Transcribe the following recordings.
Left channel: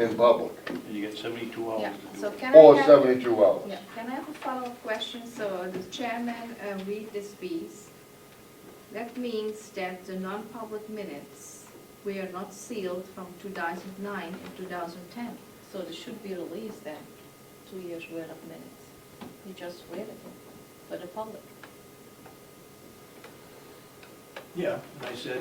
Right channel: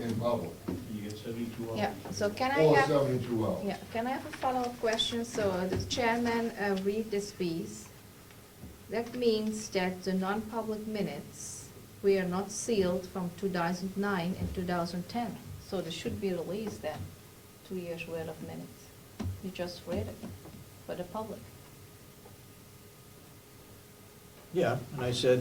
in public, And you get 72 hours. Yeah, to do so it. can or I have, 72 hours. yeah, can I have a follow-up question? So the chairman read this piece. That means that the non-public minutes were not sealed from 2009 and 2010. So they should be released then, 2 years worth of minutes. You just read it for the public. Yeah, and I said,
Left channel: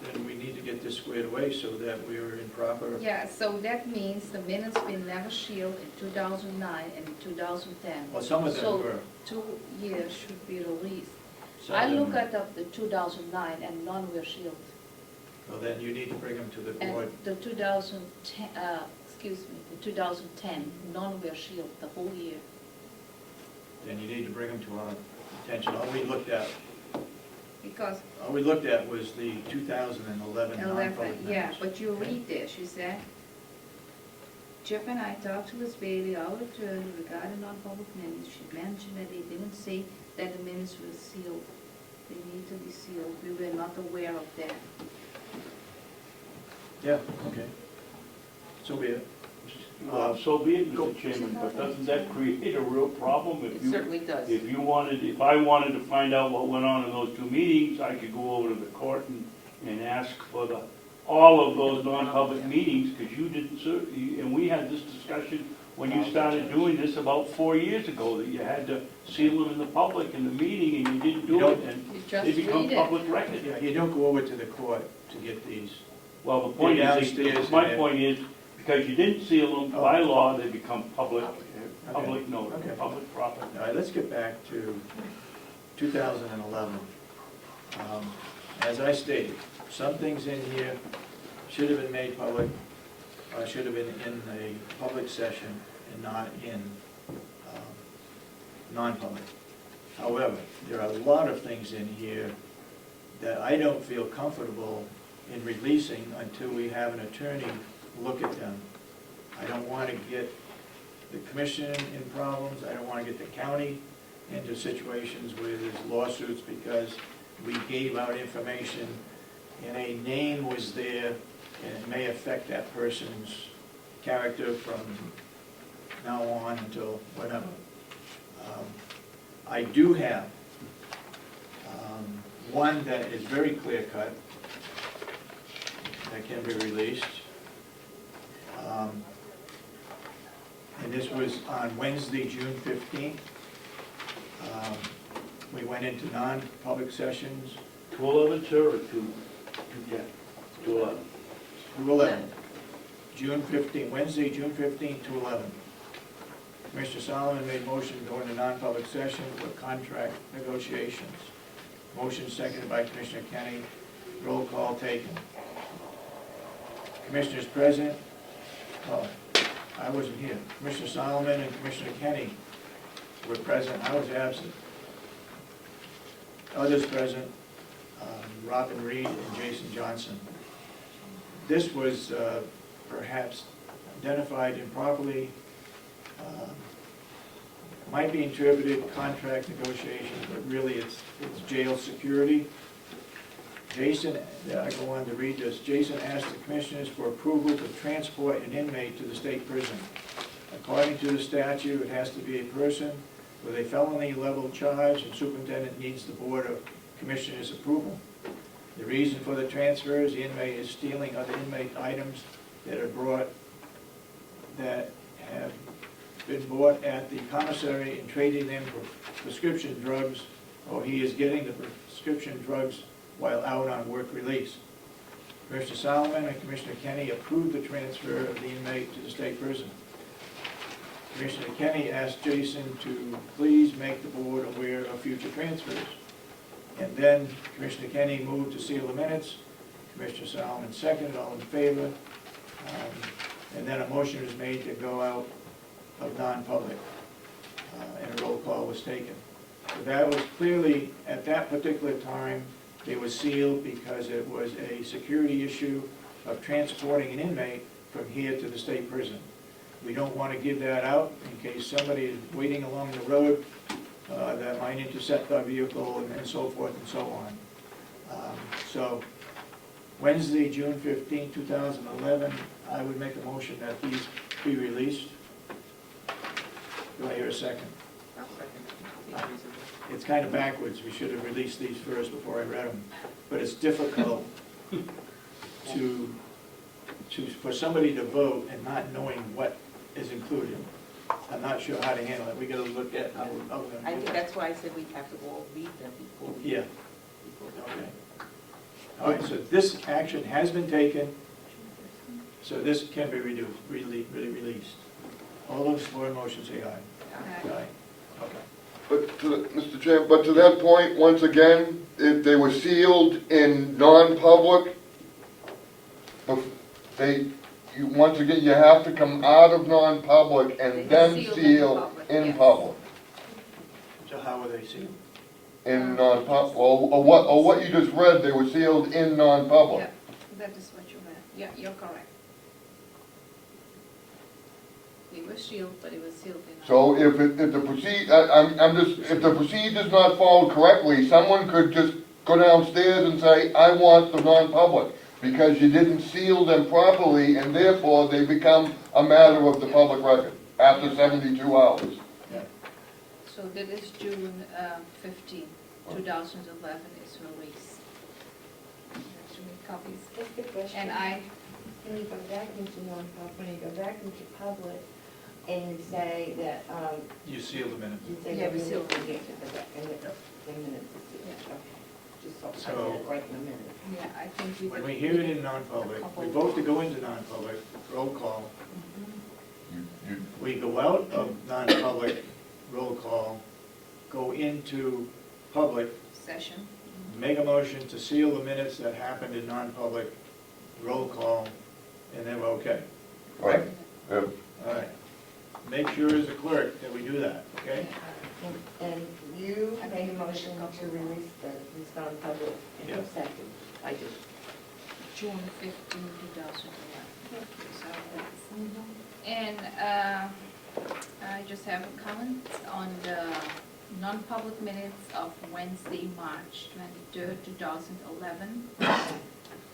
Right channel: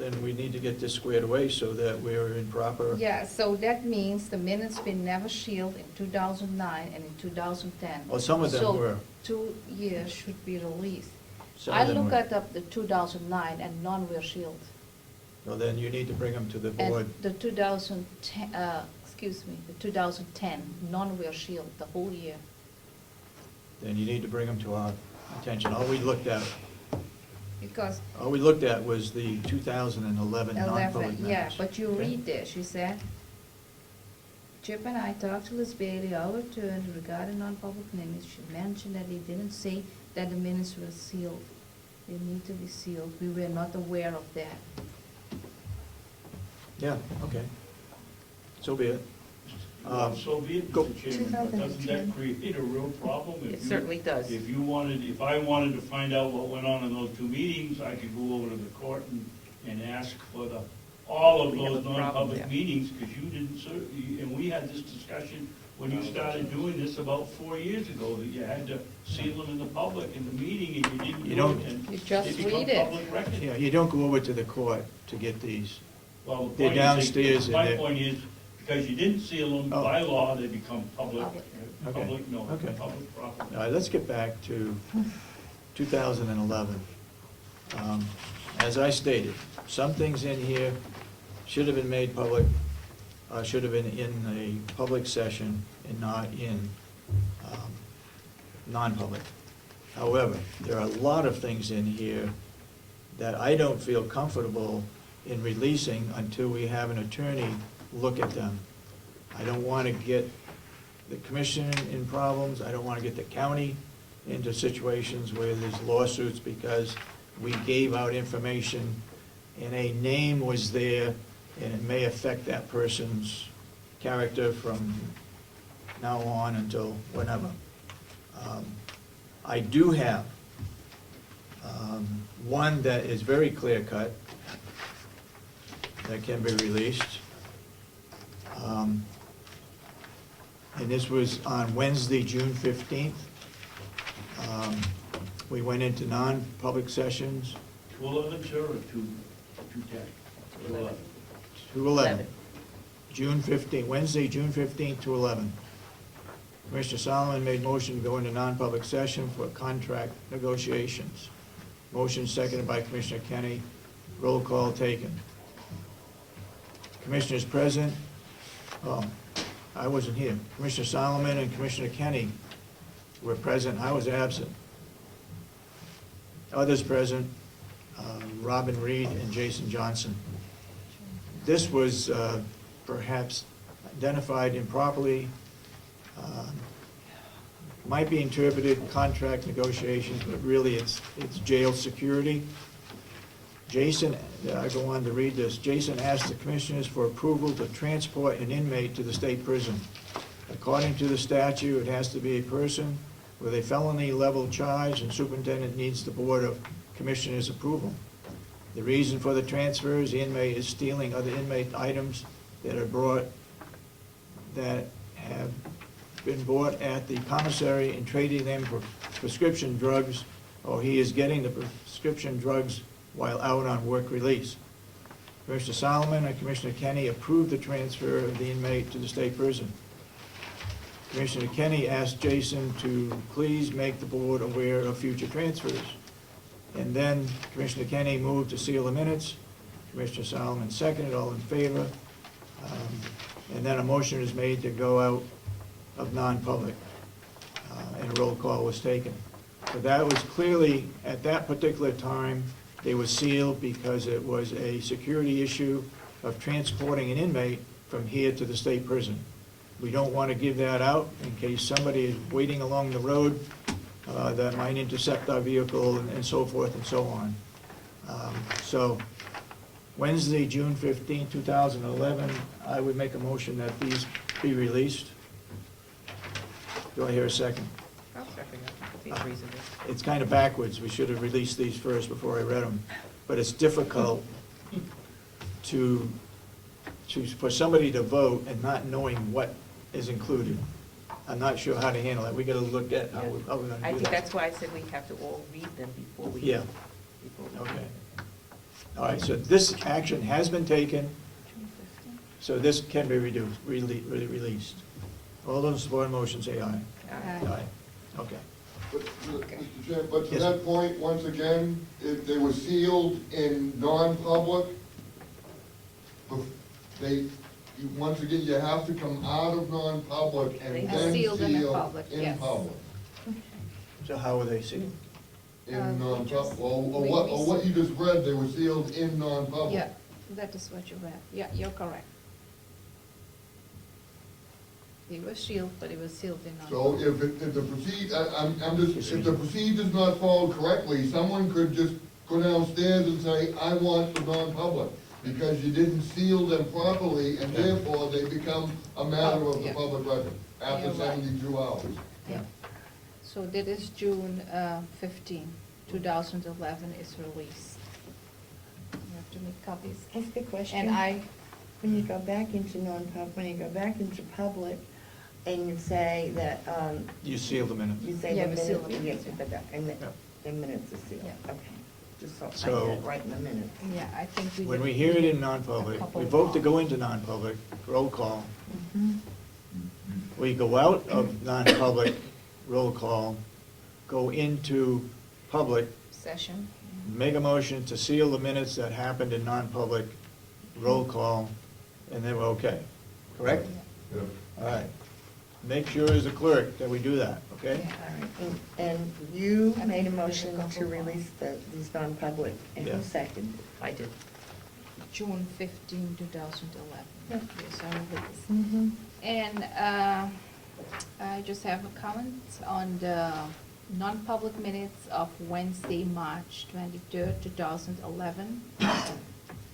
then we need to get this squared away so that we're in proper. Yeah, so that means the minutes been never sealed in 2009 and in 2010. Well, some of them So were. 2 years should be released. Some I of them look were. at the 2009 and none were sealed. Well, then you need to bring them to the And board. the 2010, the 2010, none were sealed the whole year. Then you need to bring them to our attention. All we looked at Because was the 2011 non-public 11, minutes. yeah, but you Okay? read this, you said, Chip and I talked to Ms. Bailey, our attorney, regarding non-public minutes. She mentioned that they didn't say that the minutes were sealed. They need to be sealed. We were not aware of that. Yeah, okay. So be it. Well, so be it, go- Mr. Chairman, but doesn't that create a real problem? It certainly does. If I wanted to find out what went on in those 2 meetings, I could go over to the court and ask for all of those non-public meetings, because you didn't serve, and we had this discussion when you started doing this about 4 years ago, that you had to seal them in the public in the meeting, and you didn't You do don't- it, and You just they become read it. public record. Yeah, you don't go over to the court to get these. Well, the point They're downstairs is, and my they're- point is, because you didn't seal them, Oh. by law, they become public, Okay. public notice, Okay. public property. All right, let's get back to 2011. As I stated, some things in here should have been made public, or should have been in a public session and not in non-public. However, there are a lot of things in here that I don't feel comfortable in releasing until we have an attorney look at them. I don't want to get the commission in problems, I don't want to get the county into situations where there's lawsuits because we gave out information and a name was there and it may affect that person's character from now on until whatever. I do have one that is very clear-cut that can be released. And this was on Wednesday, June 15th. We went into non-public sessions, 211, sir, or 210? 211. 211. June 15th, Wednesday, June 15th, 211. Commissioner Solomon made motion to go into non-public session for contract negotiations. Motion seconded by Commissioner Kenny. Roll call taken. Commissioners present, oh, I wasn't here. Commissioner Solomon and Commissioner Kenny were present. I was absent. Others present, Robin Reed and Jason Johnson. This was perhaps identified improperly, might be interpreted contract negotiations, but really it's jail security. Jason, I go on to read this. Jason asked the commissioners for approval to transport an inmate to the state prison. According to the statute, it has to be a person with a felony level charge, and superintendent needs the Board of Commissioners' approval. The reason for the transfer is the inmate is stealing other inmate items that have been bought at the commissary and trading them for prescription drugs, or he is getting the prescription drugs while out on work release. Commissioner Solomon and Commissioner Kenny approved the transfer of the inmate to the state prison. Commissioner Kenny asked Jason to please make the board aware of future transfers. And then Commissioner Kenny moved to seal the minutes. Commissioner Solomon seconded, all in favor. And then a motion is made to go out of non-public, and a roll call was taken. So that was clearly, at that particular time, they were sealed because it was a security issue of transporting an inmate from here to the state prison. We don't want to give that out in case somebody is waiting along the road that might intercept our vehicle and so forth and so on. So Wednesday, June 15, 2011. I would make a motion that these be released. Do I hear a second? I'll second it. Seems reasonable. It's kind of backwards. We should have released these first before I read them. But it's difficult for somebody to vote and not knowing what is included. I'm not sure how to handle it. We gotta look at how we're gonna I do think that. that's why I said we have to all read them before we. Yeah. Before we. Okay. All right, so this action has been taken, so this can be released. All those for the motion say aye. Aye. Okay. But, Mr. Chairman, but to that point, once again, if they were sealed in non-public, once again, you have to come out of non-public They and are then sealed in seal public, in yes. public. So how are they sealed? In non-public, or what you just read, they were sealed in non-public. Yeah, that is what you read. Yeah, you're correct. They were sealed, but it was sealed in. So if the procedure's not followed correctly, someone could just go downstairs and say, I want the non-public, because you didn't seal them properly, and therefore they become a matter of the public record after 72 hours. Yeah. So that is June 15, 2011 is released. You have to make copies. Ask a question. And I, When you go back into non-public, when you go back into public, and you say that, You seal the minutes. you say Yeah, the we seal minutes, the yes, the minutes is sealed, Yeah. okay. Just so I So- get it right in the minutes. yeah, I think we. When did- we hear it in non-public, A couple we of vote to times. go into non-public, roll call. Mhm. We go out of non-public, roll call, go into public, Session. make a motion to seal the minutes that happened in non-public, roll call, and then we're okay. Correct? Yep. All right. Make sure as a clerk that we do that, okay? And you made a motion to release these non-public, and Yeah. who second? I did. June 15, 2011. Yep. Yes, I remember. And I just have a comment on the non-public minutes of Wednesday, March 23rd, 2011.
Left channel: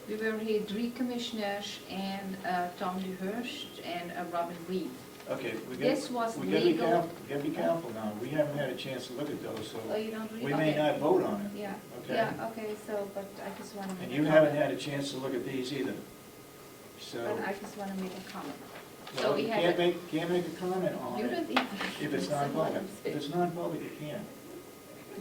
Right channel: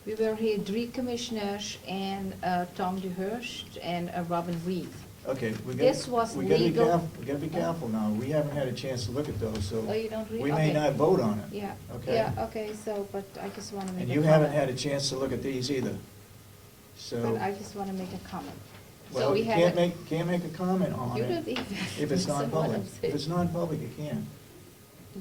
We were here, 3 commissioners and Tom DeHurst and Robin Reed. Okay, This was we gotta be legal. careful, we gotta be careful now. We haven't had a chance to look at those, so Oh, you don't read? we may Okay. not vote on it. Yeah, Okay. yeah, okay, so, but I just want to make a And comment. you haven't had a chance to look at these either. So, But I just want to make a comment. So well, we you have can't make a comment on You it don't even. if it's That's what non-public. I'm If saying. it's non-public, you can.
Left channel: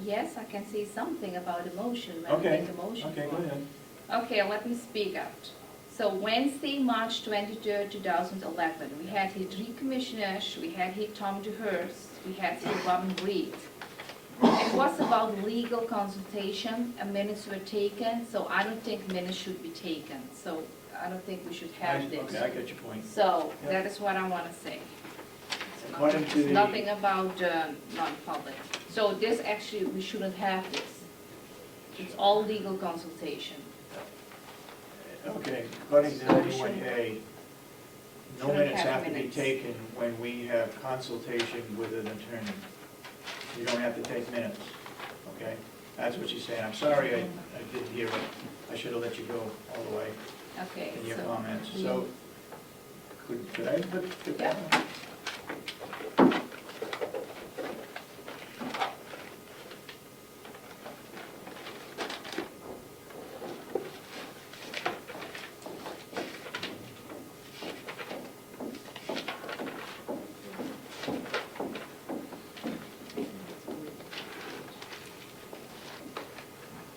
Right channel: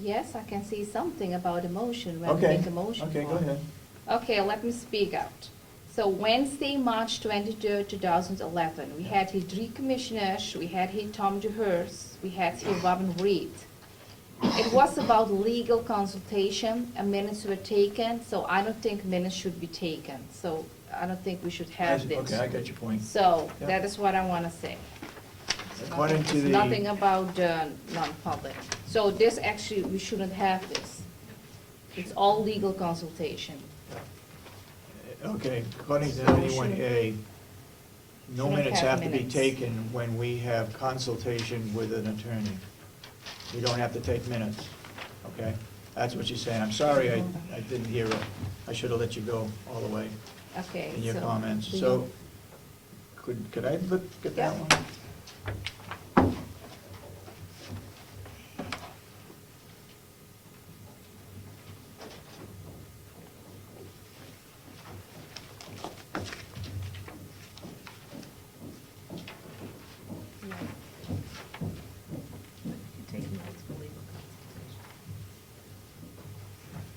Yes, I can say something about emotion when I Okay, make a motion. okay, go for it. ahead. Okay, let me speak out. So Wednesday, March 23rd, 2011, we had here 3 commissioners, we had here Tom DeHurst, we had here Robin Reed. It was about legal consultation, and minutes were taken, so I don't think minutes should be taken. So I don't think we should have this. Okay, I get your point. So Yep. that is what I want to say. According to It's the- nothing about non-public. So this actually, we shouldn't have this. It's all legal consultation. Okay, according to 91A, no Should minutes have have to be minutes. taken when we have consultation with an attorney. We don't have to take minutes, okay? That's what she's saying. I'm sorry, I didn't hear it. I should have let you go all the way Okay, in your so comments. we- So, could I look at that Yeah. one?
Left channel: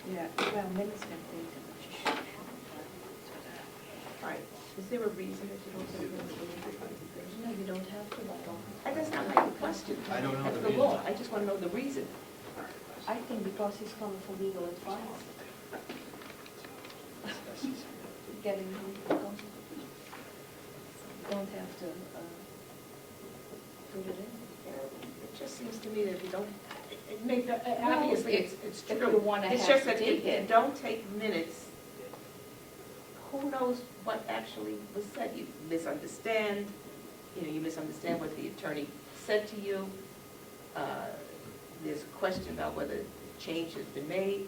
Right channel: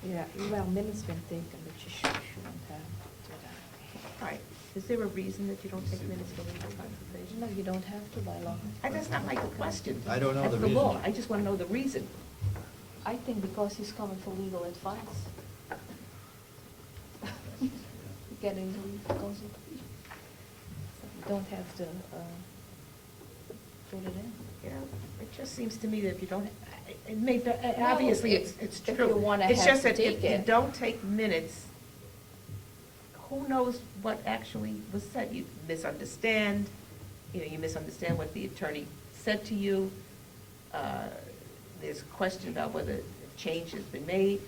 Yeah, even minutes been taken, but you shouldn't have. Right. Is there a reason that you don't take minutes for legal consultation? No, you don't have to by law. That's not my question. I don't know That's the the law. reason. I just want to know the reason. I think because he's coming for legal advice. Getting legal consultation. Don't have to put it in. Yeah, it just seems to me that if you don't, it may, obviously, if- it's if true. you wanna It's have just to that take if you it. don't take minutes, who knows what actually was said? You misunderstand, you misunderstand what the attorney said to you. There's a question about whether change has been made.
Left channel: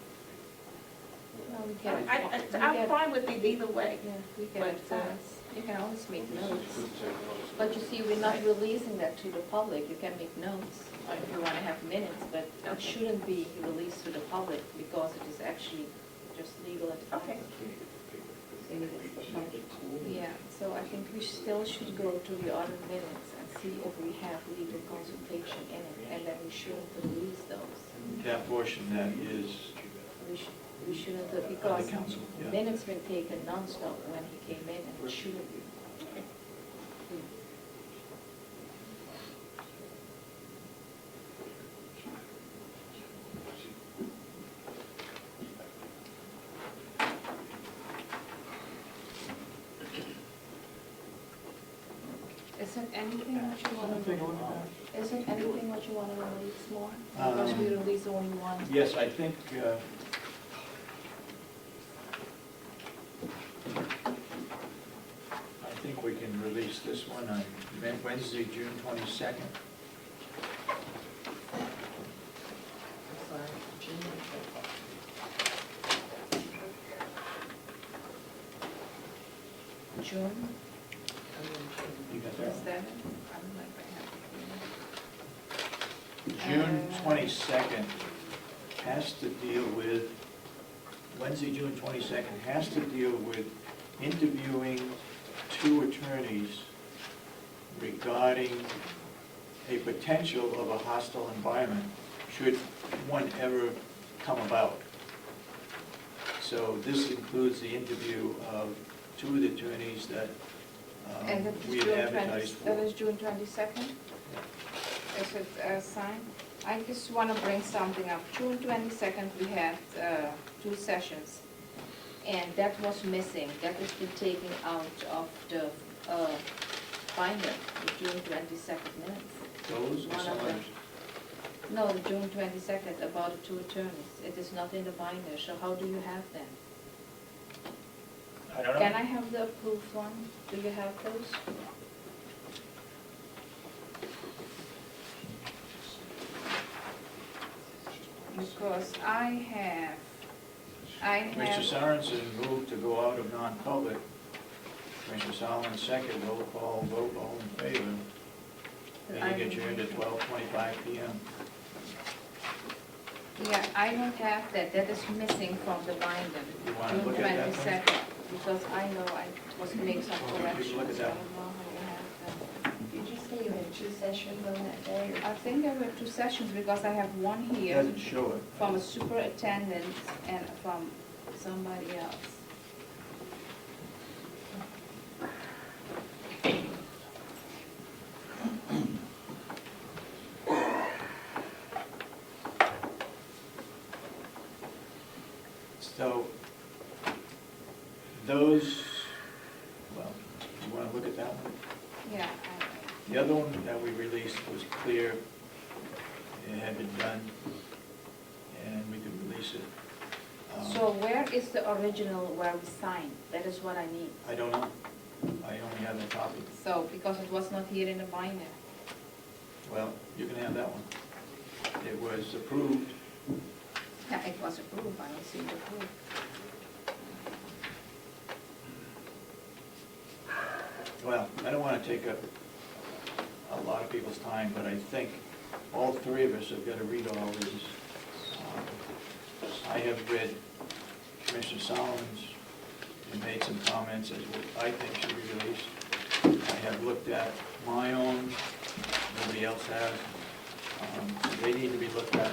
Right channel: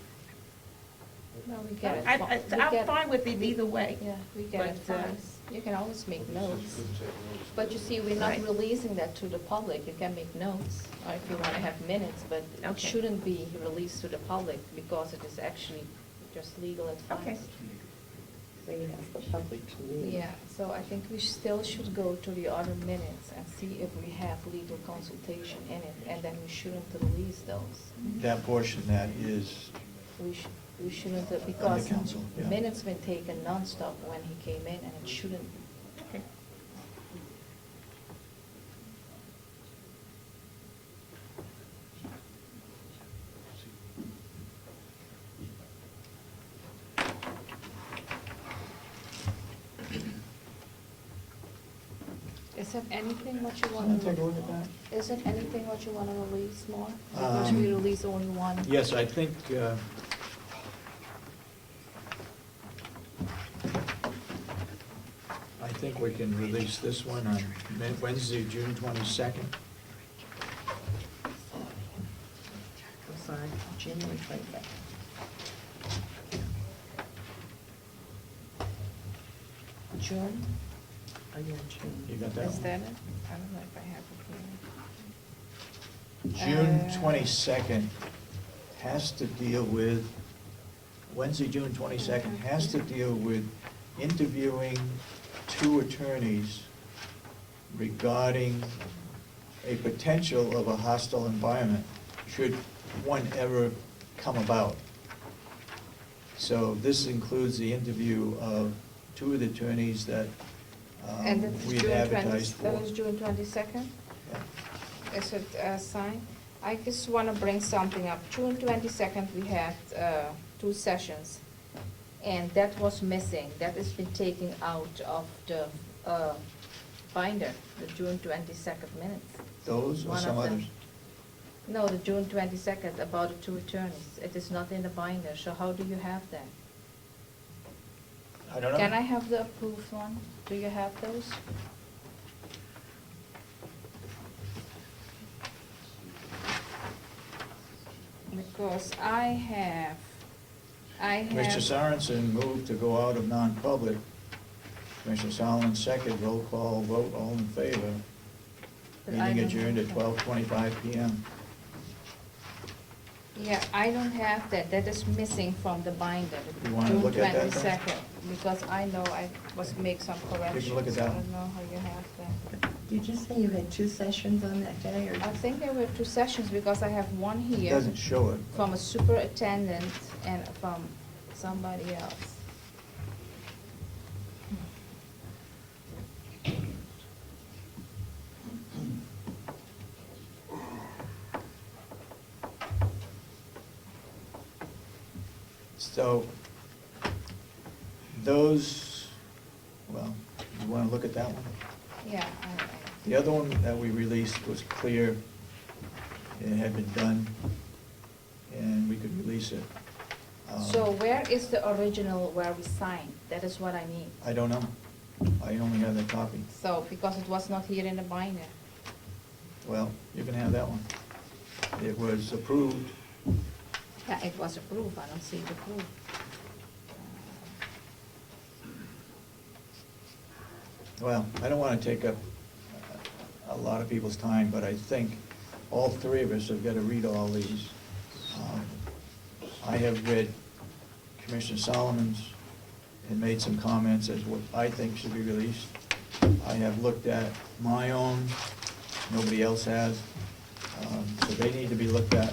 No, we get it. I'm fine with it either way. Yeah, we get it But, twice. You can always make notes. But you see, we're not Right. releasing that to the public. You can make notes, or if you wanna have minutes, but it Okay. shouldn't be released to the public because it is actually just legal Okay. advice. Yeah, so I think we still should go to the other minutes and see if we have legal consultation in it, and then we shouldn't release those. That portion that is, We shouldn't, because council, yeah. minutes been taken nonstop when he came in, and it shouldn't be. Okay. Is there anything what you Wanna want take a to, look at is there anything what you want to release more? Because we release only one. yes, I think, we can release this one on Wednesday, June 22nd. June, You got that is one? that, I don't know if I have it here. June 22nd has to deal with, Wednesday, June 22nd has to deal with interviewing 2 attorneys regarding a potential of a hostile environment, should one ever come about. So this includes the interview of 2 of the attorneys that And that's we June had 20 advertised for. That is June 22nd? Is it signed? I just want to bring something up. June 22nd, we had 2 sessions, and that was missing. That has been taken out of the binder, the June 22nd minutes. Those or One some of them. others? No, the June 22nd, about the 2 attorneys. It is not in the binder, so how do you have that? I don't know. Can I have the approved one? Do you have those? Because I Mr. have, Sorensen moved to go out of non-public. Commissioner Solomon second, roll call vote, all in favor. Meeting adjourned at 12:25 p.m. yeah, I don't have that. That is missing from the binder. You wanna look at that, though? June 22nd, because I know I was make some corrections. look at I that. don't know how you have that. Did you say you had 2 sessions on that day, or? I think there were 2 sessions, because I have one It here doesn't show it. from a superintendent and from somebody else. So, those, well, you wanna look at that one? Yeah. The other one that we released was clear, it had been done, and we could release it. So where is the original where we signed? That is what I need. I don't know, I only have the copy. So, because it was not here in the binder. Well, you can have that one. It was approved. Yeah, it was approved, I don't see it approved. Well, I don't wanna take up a lot of people's time, but I think all 3 of us have gotta read all these. I have read Commissioner Solomon's and made some comments as what I think should be released. I have looked at my own, nobody else has, so they need to be looked at,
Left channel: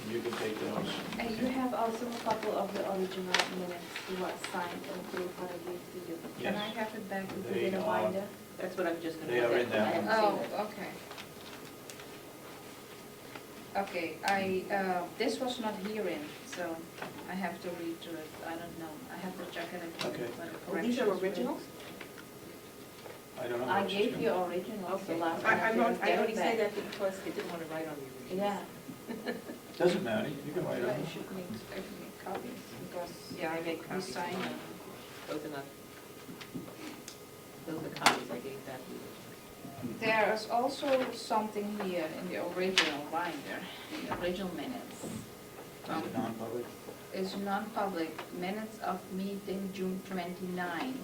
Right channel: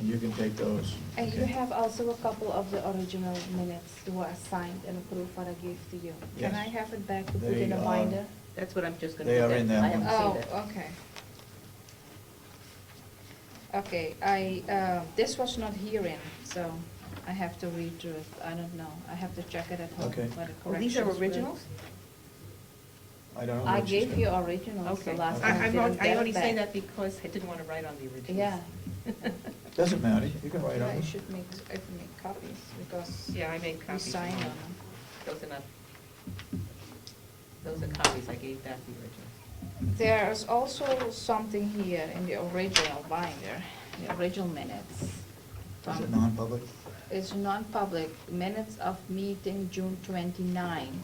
and you can take those. And you have also a couple of the original minutes who are signed and approved what I gave to you. Can I Yes. have it back to put They in a are- binder? That's what I'm just gonna. They put are in that. that I one. haven't seen Oh, that. okay. Okay, this was not herein, so I have to read through it. I don't know. I have to check it at home. Okay. where the Well, these are corrections were. originals? I don't know. I what she's gave gonna- you originals the Okay. last time. I didn't only get say it that because I didn't wanna write on the back. originals. Yeah. Doesn't matter, you can write on I it. should make copies, because Yeah, I made we copies. signed them. Those are not, those are copies I gave back the original. There's also something here in the original binder, the original minutes. Is it non-public? is non-public, minutes of meeting June 29.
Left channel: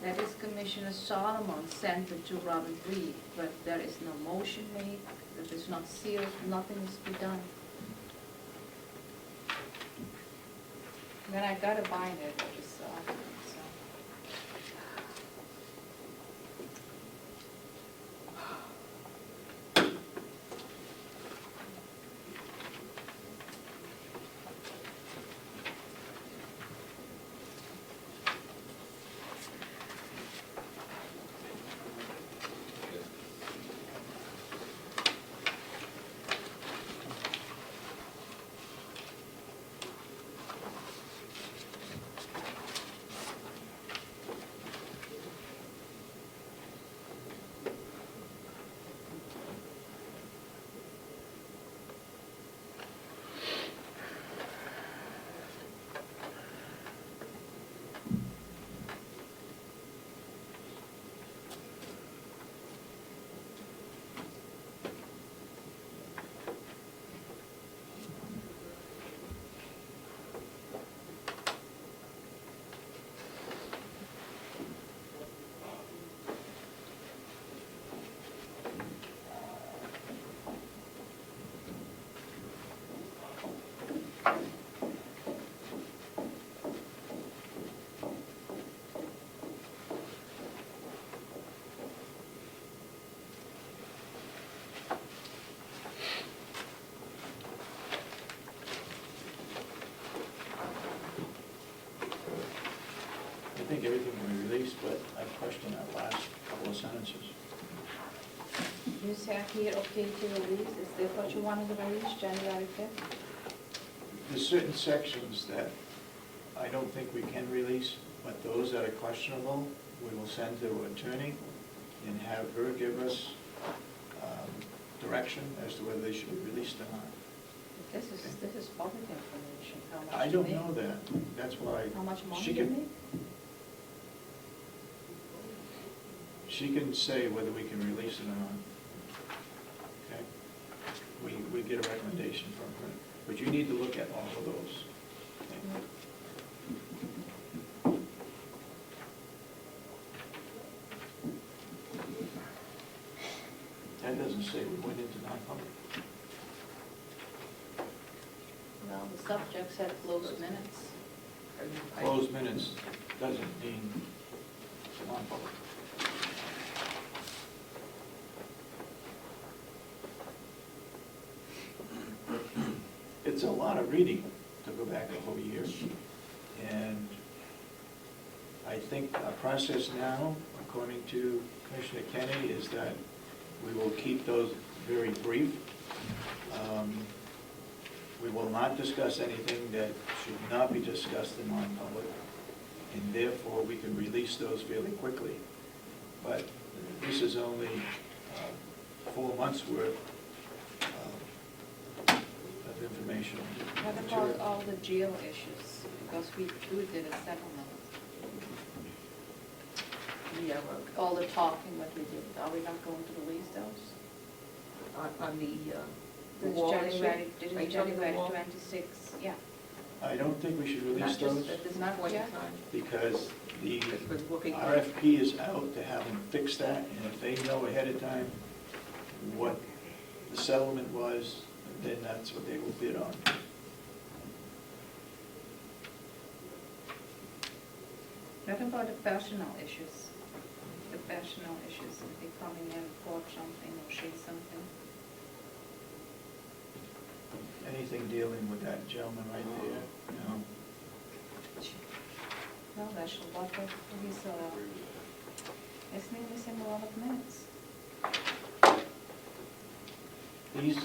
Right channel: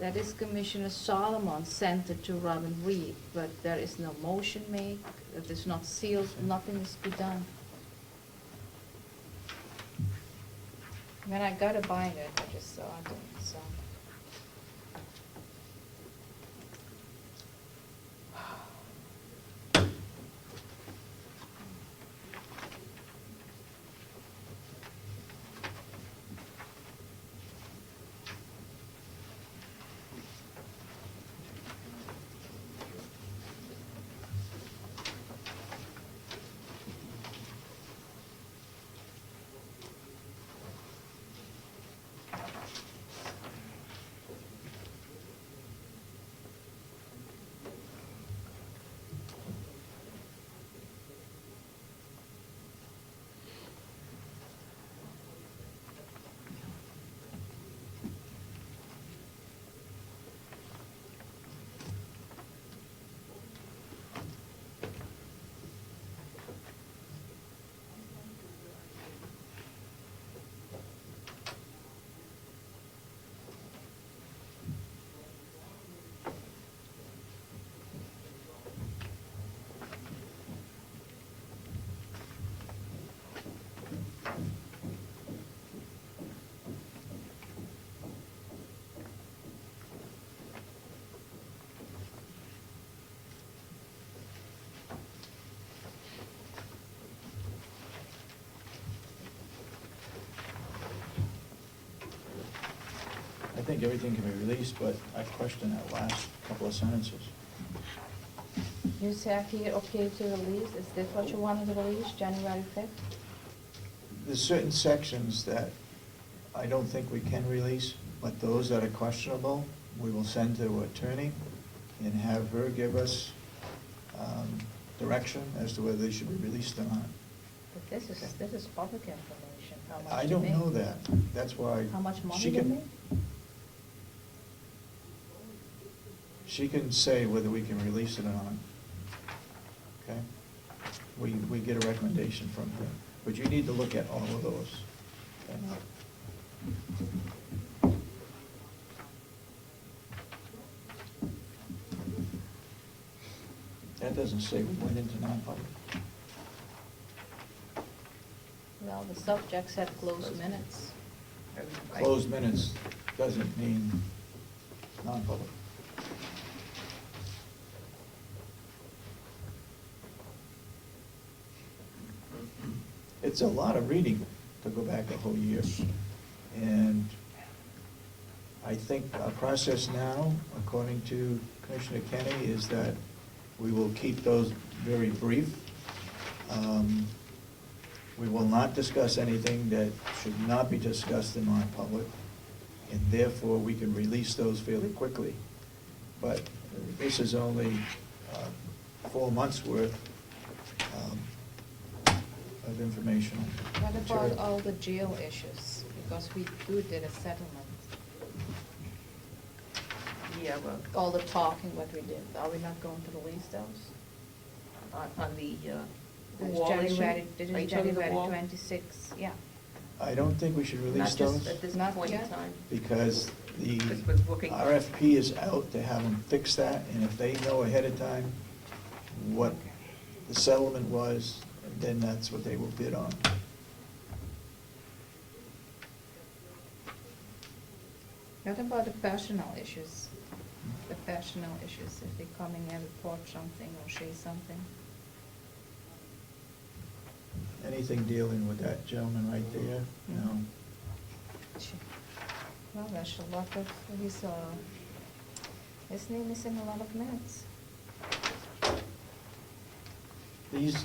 That is Commissioner Solomon sent it to Robin Reed, but there is no motion made, it is not sealed, nothing is to be done. When I got a binder, I just saw it, so. I think everything can be released, but I question that last couple of sentences. You said here, okay to release, is that what you wanted to release, January 5th? There's certain sections that I don't think we can release, but those that are questionable, we will send to an attorney and have her give us direction as to whether they should be released or not. But this is public information, how much I to don't make? know that, that's why. How much money she to can- make? She can say whether we can release it or not. Okay? We get a recommendation from her, but you need to look at all of those. Okay? That doesn't say we went into non-public. Well, the subject said closed minutes. Closed minutes doesn't mean non-public. It's a lot of reading to go back a whole year. And I think our process now, according to Commissioner Kenny, is that we will keep those very brief. We will not discuss anything that should not be discussed in non-public, and therefore we can release those fairly quickly. But this is only 4 months' worth of information. What material. about all the jail issues? Because we did a settlement. We have All the talking, what we did, are we not going to release those? on the This wall issue. January, this Are you is talking the January wall? 26, yeah. I don't think we should release Not just those, at this Not point in yet? time. because the Because we're working. RFP is out to have them fix that, and if they know ahead of time what the settlement was, then that's what they will bid on. What about the personal issues? The personal issues, if they come in and report something or say something? Anything dealing with that gentleman right there, you know. Well, there's a lot of, he's, isn't he missing a lot of minutes? These,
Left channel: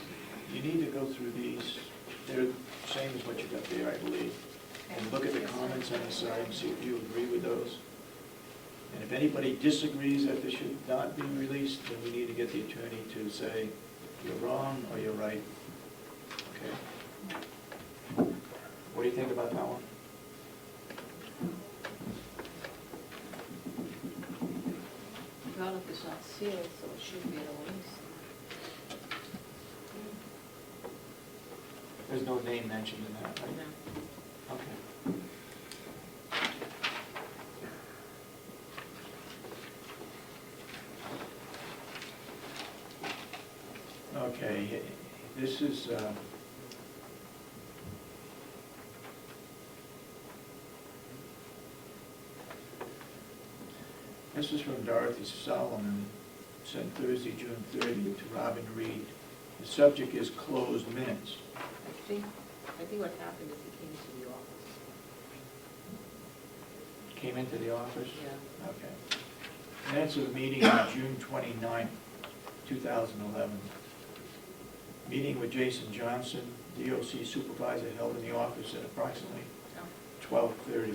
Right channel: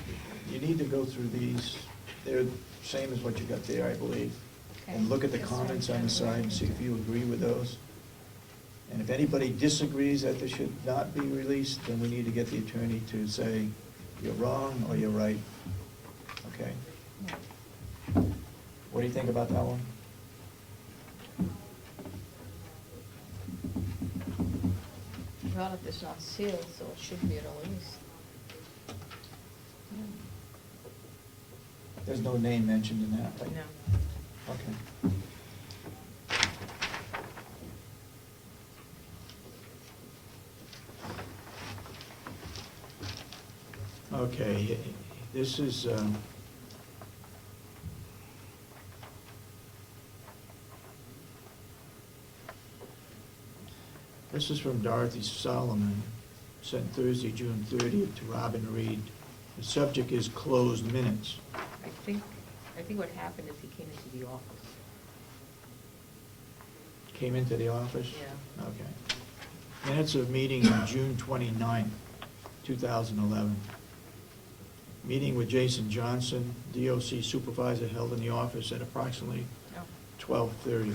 you need to go through these, they're the same as what you got there, I believe. And look at the comments on the side and see if you agree with those. And if anybody disagrees that they should not be released, then we need to get the attorney to say, you're wrong or you're right. Okay? What do you think about that one? Well, it is not sealed, so it should be released. There's no name mentioned in that, right? No. Okay, this is, this is from Dorothy Solomon, sent Thursday, June 30th to Robin Reed. The subject is closed minutes. I think what happened is he came to the office. Came into the office? Yeah. Okay. Minutes of meeting on June 29th, 2011. Meeting with Jason Johnson, DOC supervisor, held in the office at approximately Oh, 12:30.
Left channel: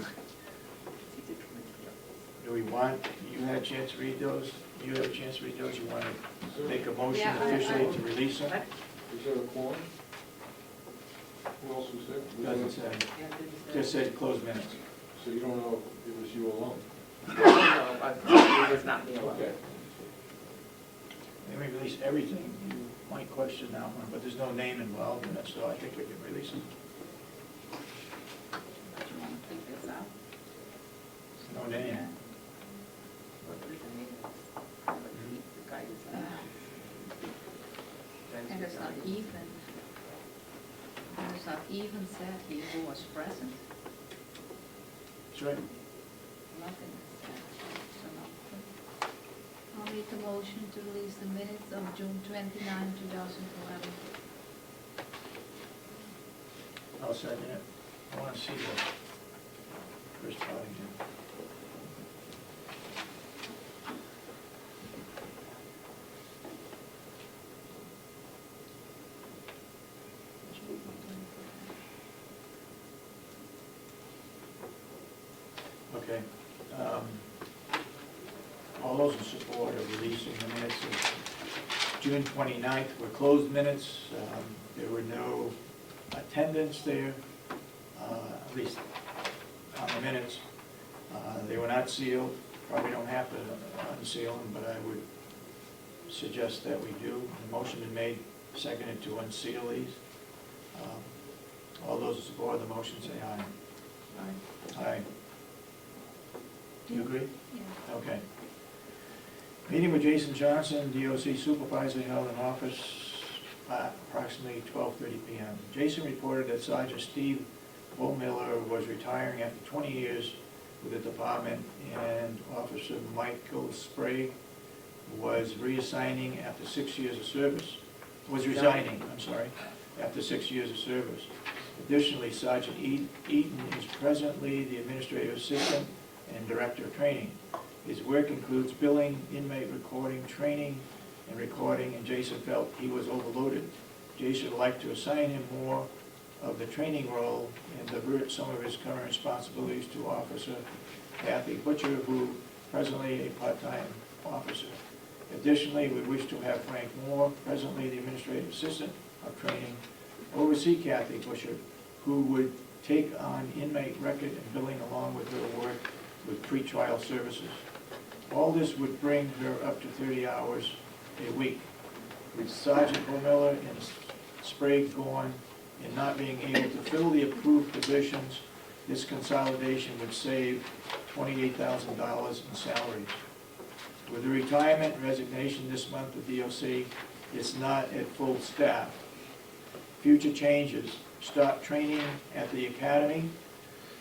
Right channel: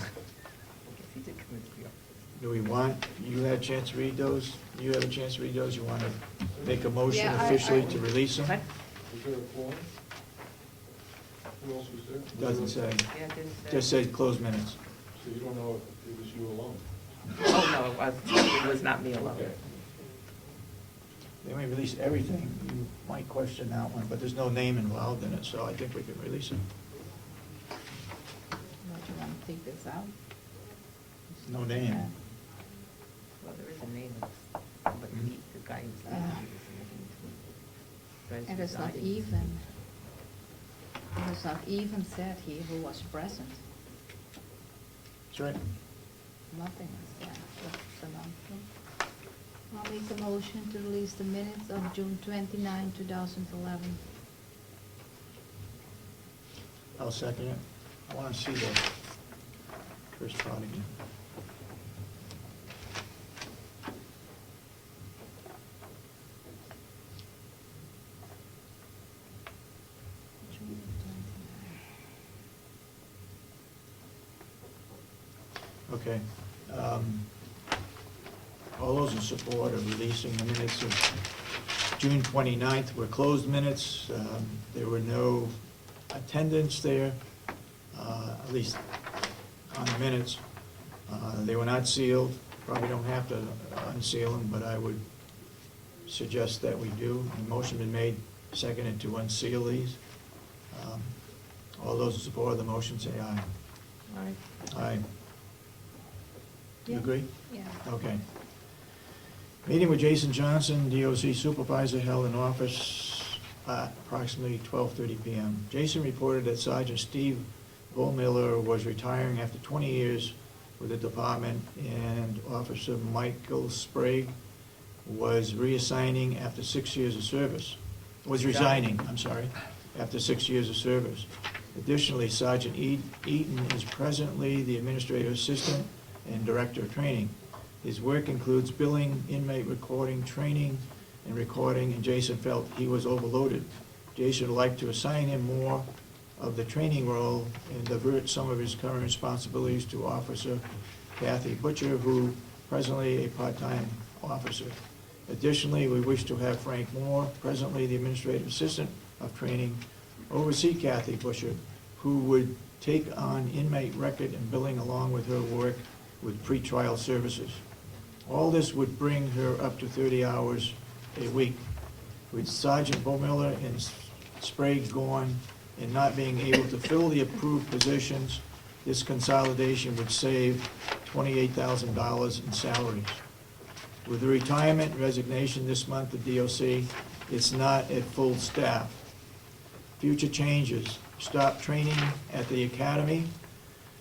he did come into the office. Do we want, you had a chance to read those? You had a chance to read those? You want to make a motion Yeah, officially to release them? What? Is there a quorum? Who else was there? Doesn't say. Yeah, it didn't say. Just says closed minutes. So you don't know if it was you alone? No, it was not me alone. Okay. They may release everything. You might question that one, but there's no name involved in it, so I think we can release it. Would you want to take this out? There's no name. Well, there is a name, but the guy who's. And it's not even, it's not even said here who was present. That's right. Nothing is said, so I'll make a motion to release the minutes of June 29, 2011. I'll second it. I want to see the first part again. Okay. All those in support of releasing the minutes of June 29th were closed minutes. There were no attendance there, at least on the minutes. They were not sealed. Probably don't have to unseal them, but I would suggest that we do. A motion been made, seconded to unseal these. All those in support of the motion say aye. All right. Aye. You agree? Yeah. Okay. Meeting with Jason Johnson, DOC supervisor, held in office at approximately 12:30 p.m. Jason reported that Sergeant Steve Bullmiller was retiring after 20 years with the department, and Officer Michael Sprague was reassigning after 6 years of service. Was resigning, I'm sorry, after 6 years of service. Additionally, Sergeant Eaton is presently the administrative assistant and director of training. His work includes billing, inmate recording, training, and recording, and Jason felt he was overloaded. Jason would like to assign him more of the training role and divert some of his current responsibilities to Officer Kathy Butcher, who presently a part-time officer. Additionally, we wish to have Frank Moore, presently the administrative assistant of training, oversee Kathy Butcher, who would take on inmate record and billing along with her work with pretrial services. All this would bring her up to 30 hours a week. With Sergeant Bullmiller and Sprague gone and not being able to fill the approved positions, this consolidation would save $28,000 in salaries. With the retirement and resignation this month of DOC, it's not at full staff. Future changes, start training at the academy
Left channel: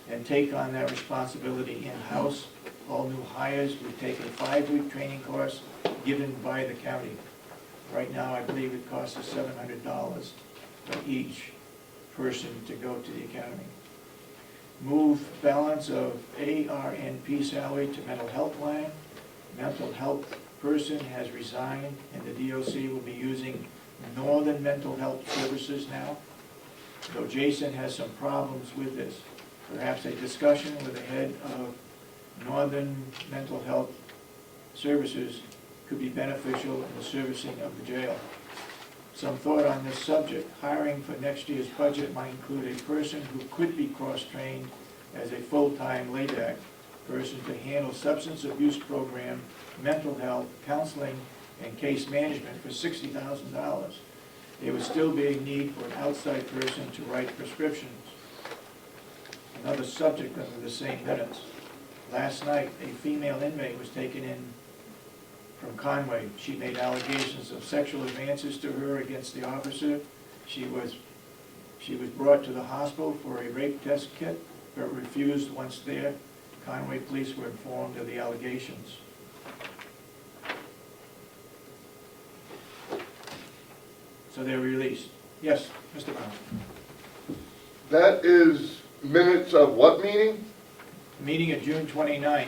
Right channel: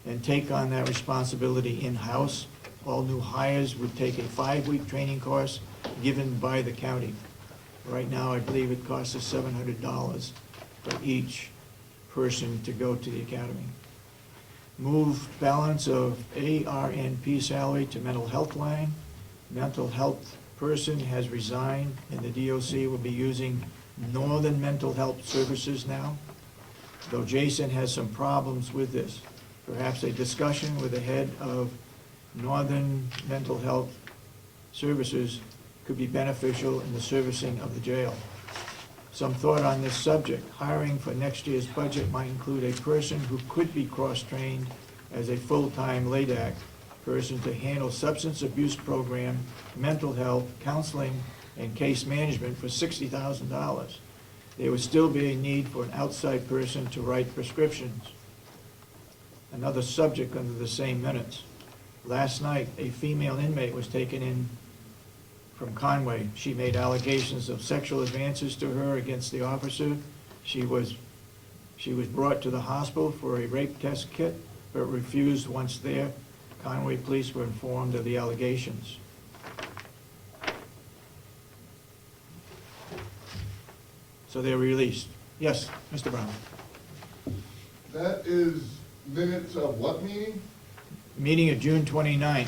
and take on that responsibility in-house. All new hires would take a 5-week training course given by the county. Right now, I believe it costs us $700 for each person to go to the academy. Move balance of ARNP salary to mental health line. Mental health person has resigned, and the DOC will be using Northern Mental Health Services now. Though Jason has some problems with this, perhaps a discussion with the head of Northern Mental Health Services could be beneficial in the servicing of the jail. Some thought on this subject. Hiring for next year's budget might include a person who could be cross-trained as a full-time LADAC person to handle substance abuse program, mental health, counseling, and case management for $60,000. There would still be a need for an outside person to write prescriptions. Another subject under the same minutes. Last night, a female inmate was taken in from Conway. She made allegations of sexual advances to her against the officer. She was brought to the hospital for a rape test kit, but refused once there. Conway police were informed of the allegations. So they were released. Yes, Mr. Brown. That is minutes of what meeting? Meeting of June 29th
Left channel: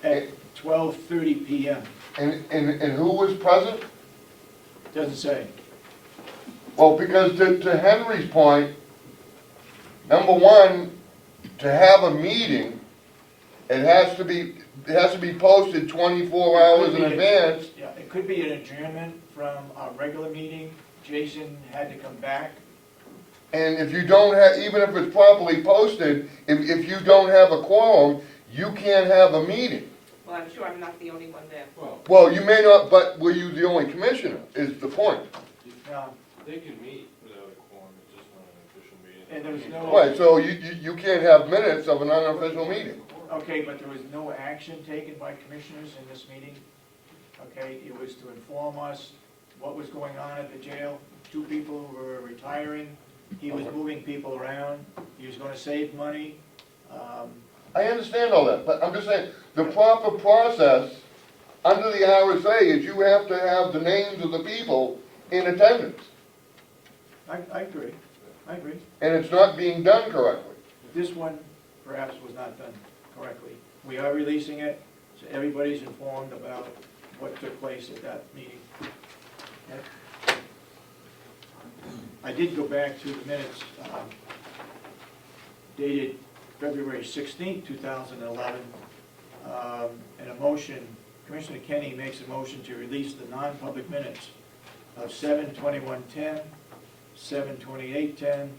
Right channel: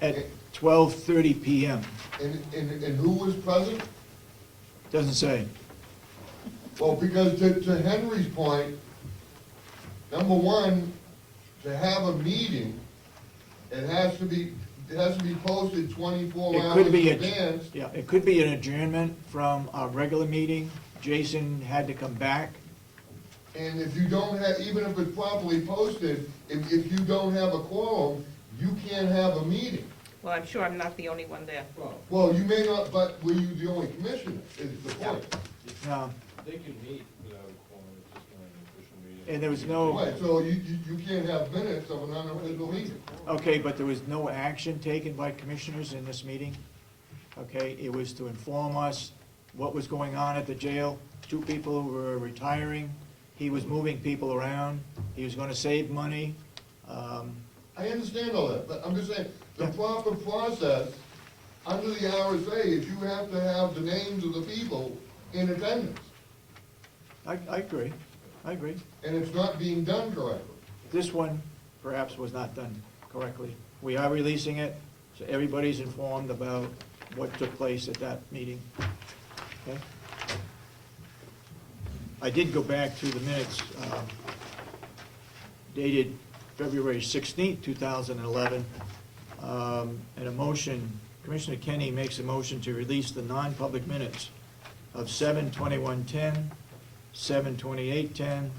at 12:30 PM. And who was present? Doesn't say. Well, because to Henry's point, number one, to have a meeting, it has to be posted 24 It hours could in be a- advance. Yeah, it could be an adjournment from our regular meeting. Jason had to come back. And if you don't have, even if it's properly posted, if you don't have a quorum, you can't have a meeting. Well, I'm sure I'm not the only one there. Well, Well, you may not, but were you the only commissioner, is the point. No, they can meet without a quorum, it's just not an official meeting. and there was no, Right, so you can't have minutes of an unofficial meeting. okay, but there was no action taken by commissioners in this meeting. Okay, it was to inform us what was going on at the jail. 2 people were retiring. He was moving people around. He was gonna save money. I understand all that, but I'm just saying, the proper process under the RSA is you have to have the names of the people in attendance, I agree, I agree. and it's not being done correctly. This one perhaps was not done correctly. We are releasing it, so everybody's informed about what took place at that meeting. Okay? I did go back to the minutes dated February 16th, 2011, and a motion, Commissioner Kenny makes a motion to release the non-public minutes of 7/21/10, 7/28/10,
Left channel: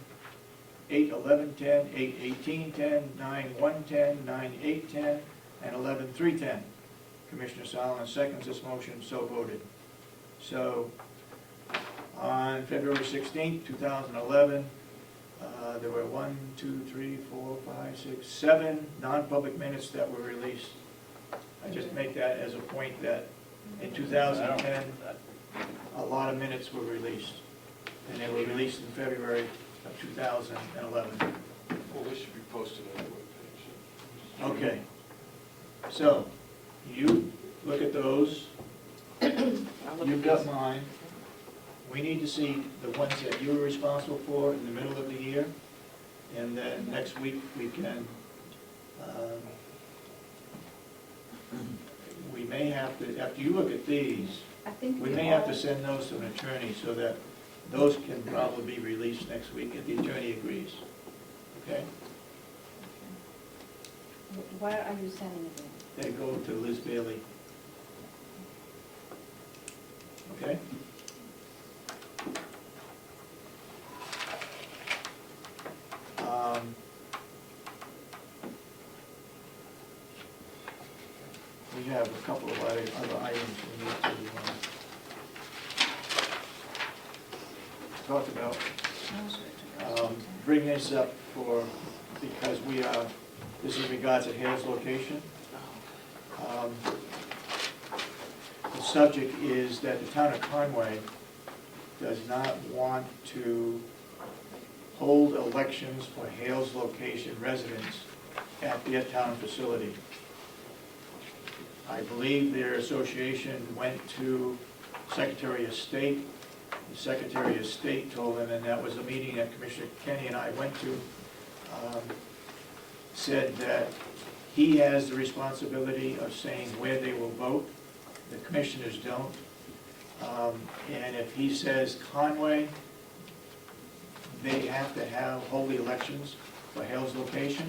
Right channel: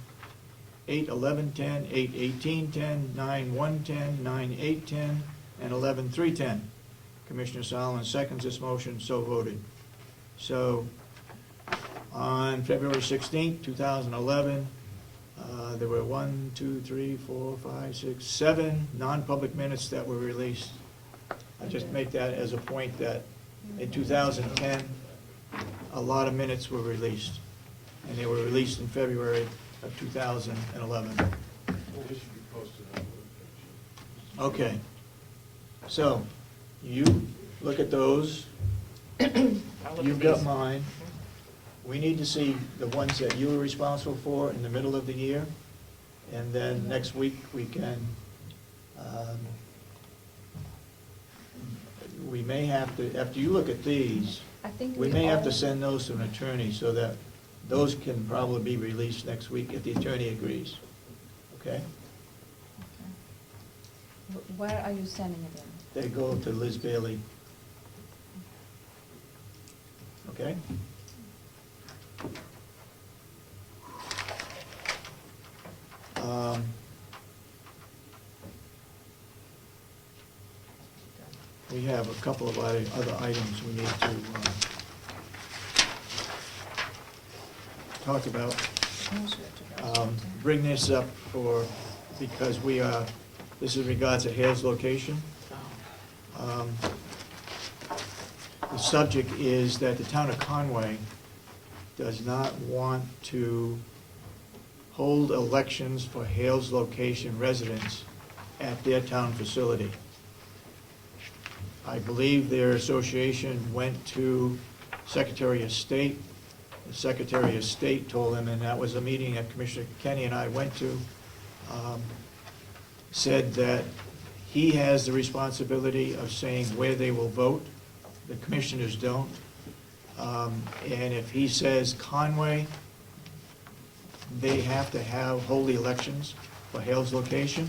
8/11/10, 8/18/10, 9/1/10, 9/8/10, and 11/3/10. Commissioner Solomon seconds this motion, so voted. So, on February 16th, 2011, there were 1, 2, 3, 4, 5, 6, 7 non-public minutes that were released. I just make that as a point that in 2010, a lot of minutes were released, and they were released in February of 2011. Well, they should be posted on the webpage. Okay, so, you look at those, I'll look you've at got these. mine. We need to see the ones that you were responsible for in the middle of the year, and then next week we can, we may have to, after you look at these, I think we may have to all- send those to an attorney so that those can probably be released next week if the attorney agrees. Okay? Where are you sending it in? They go to Liz Bailey. Okay? We have a couple of other items we need to talk about. Bring this up because we are, this is in regards to Hale's location. The subject is that the town of Conway does not want to hold elections for Hale's location residents at their town facility. I believe their association went to Secretary of State. The Secretary of State told them, and that was a meeting that Commissioner Kenny and I went to, said that he has the responsibility of saying where they will vote. The commissioners don't. And if he says Conway, they have to hold the elections for Hale's location.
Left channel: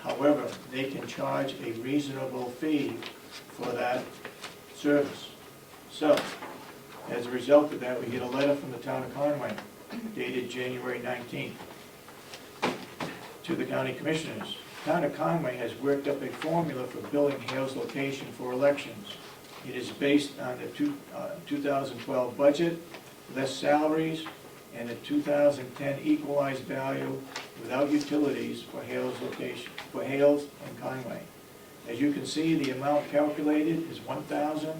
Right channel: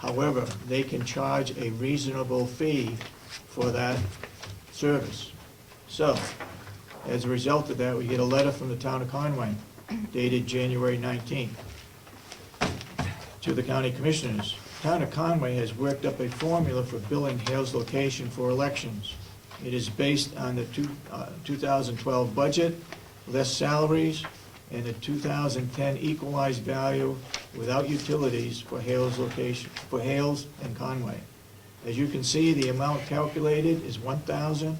However, they can charge a reasonable fee for that service. So, as a result of that, we get a letter from the town of Conway dated January 19th to the county commissioners. The town of Conway has worked up a formula for billing Hale's location for elections. It is based on the 2012 budget, less salaries, and the 2010 equalized value without utilities for Hales location, for Hales and Conway. As you can see, the amount calculated is $1,100.